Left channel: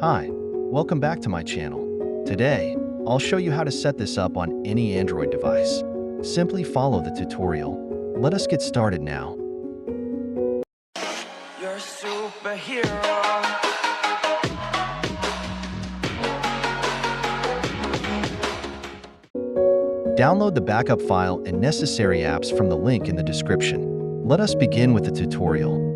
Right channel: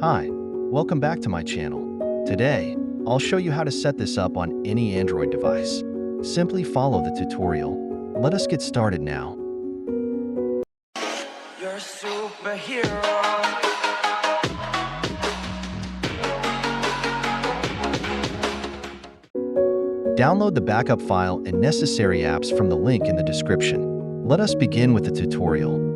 Hi, welcome back to my channel. Today, I'll show you how to set this up on any Android device. Simply follow the tutorial. Let us get started now. You're a superhero. Download the backup file and necessary apps from the link in the description. Let us begin with the tutorial.